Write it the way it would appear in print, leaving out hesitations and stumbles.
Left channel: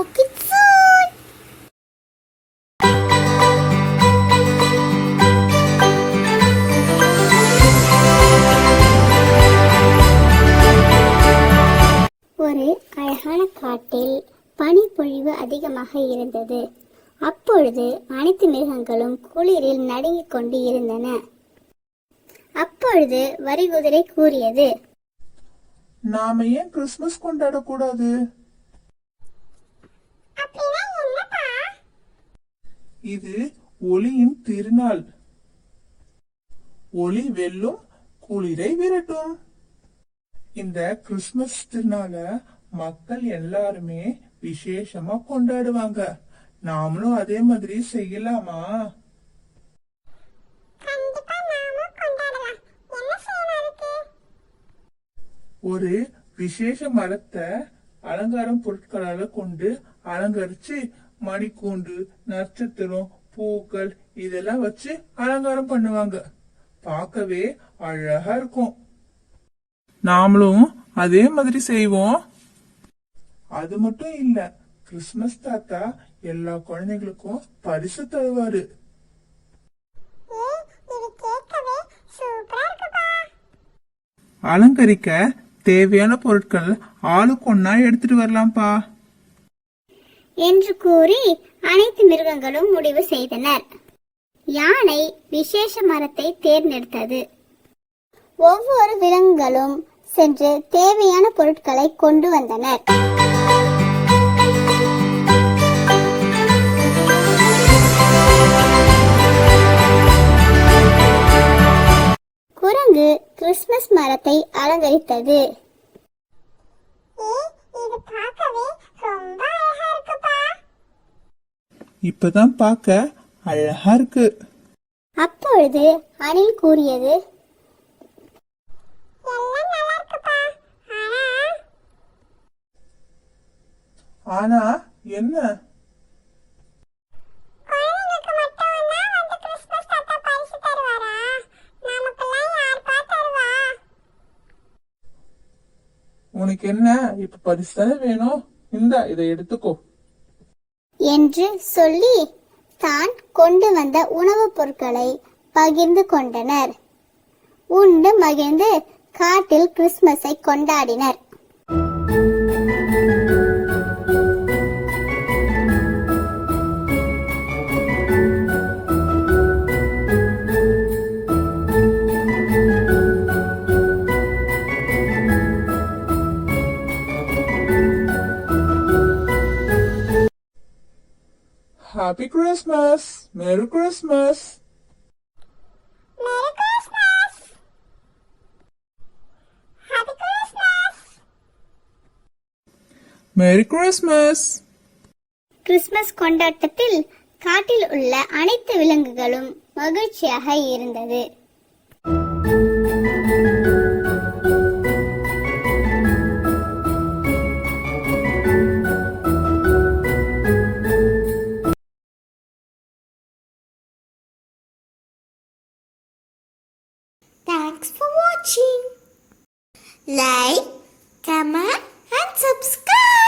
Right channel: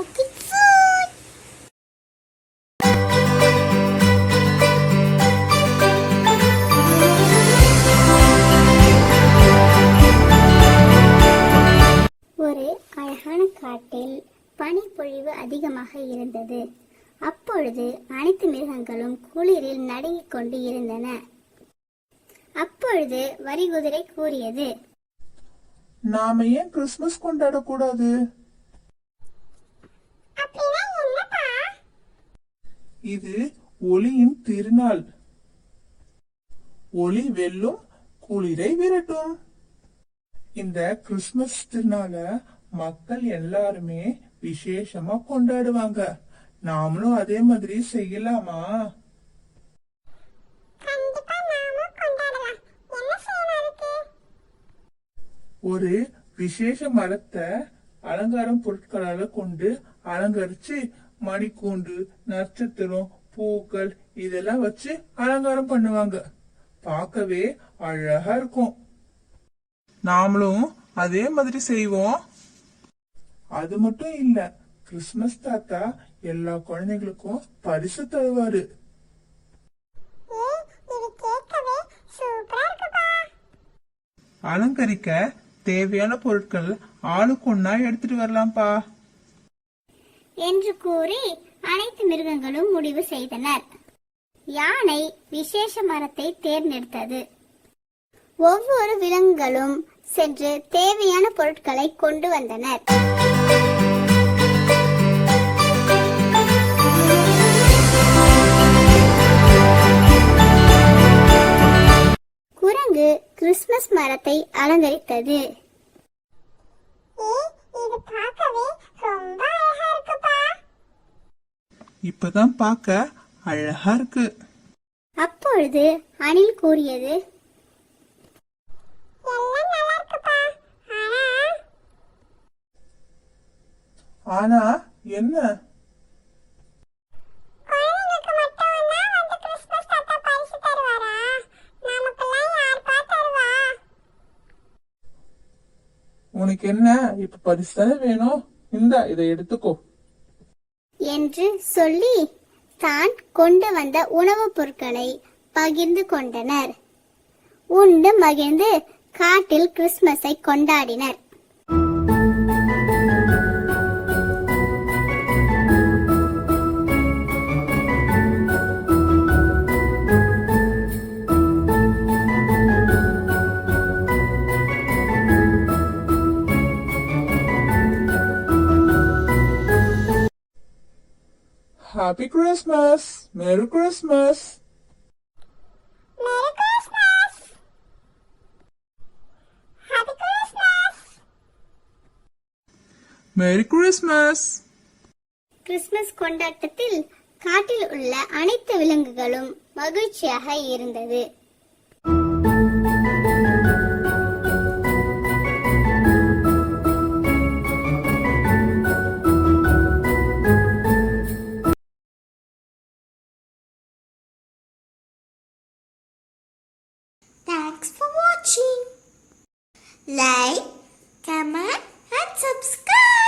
Talk it soon. ஒரு அழகான காட்டில் பனிப்பொழிவு அதிகமாக இருந்தது. அப்பொழுது அனைத்து மிருகங்களும் குளிரில் நடுங்கிக் கொண்டு இருந்தன. அப்பொழுது வரிகுதிரை கூறியது, நாம ஏன் கிறிஸ்துமஸ் கொண்டாடக்கூடாது? இது ஒளியின் திருநாள். ஒளி வெல்லும், குளிரை விரட்டும். இந்த கிறிஸ்துமஸ் திருநாள மக்கள் எல்லாருமே விசேஷமா கொண்டாடுவாங்க. நாமளும் அதே மாதிரி செய்யலாமா? ஒரு விசேஷ மரத்தை அலங்காரம் பொருட்களால கொண்டு அலங்கரிச்சு மணிக்கூண்டு, நட்சத்திரம், பூக்கள் இதெல்லாம் வச்சு அலங்காரம் பண்ணுவாங்க. பார்க்கவே அழகா இருக்கும். நாமளும் அதே மாதிரி செய்வோம். அது மட்டும் இல்ல, கிறிஸ்துமஸ் தாத்தா எல்லா குழந்தைகளுக்கும் பரிசு தருவாரு. அலங்கரிக்க தேவையான பொருட்கள் ஆளுக்கொன்னா எடுத்துட்டு வரலாம்ப்பா என்று கூறி அனைத்து மிருகங்களும் முடிவு செய்தனர். யானை விசேஷ மரத்தை தேர்ந்தெடுத்தது. ஒவ்வொரு விலங்குகளும் சென்று தேவையான பொருட்களை கொண்டு வந்தனர். குரங்கு கிறிஸ்துமஸ் மரத்தை அலங்கரித்தது. இப்பதான் பார்க்க அழகா இருக்கு. அப்பொழுது அணில் கூறியது, ஆனா என்ன? உனக்கு என்ன இப்ப பரிசு தானே வேணும், இதை எடுத்துக்கோ என்று சொல்லி தான் கொண்டு வந்த உணவுப் பொருட்களை பகிர்ந்து கொண்டனர். உண்டு மகிழ்ந்து காட்டில் கிறிஸ்துமஸை கொண்டாடினர். Happy Christmas! Merry Christmas! Merry Christmas! Happy Christmas! Merry Christmas! Christmas கொண்டாட்டத்தில் காட்டில் உள்ள அனைத்து விலங்குகளும் மகிழ்ச்சியாக இருந்தது. Thanks for watching. Like, comment and subscribe.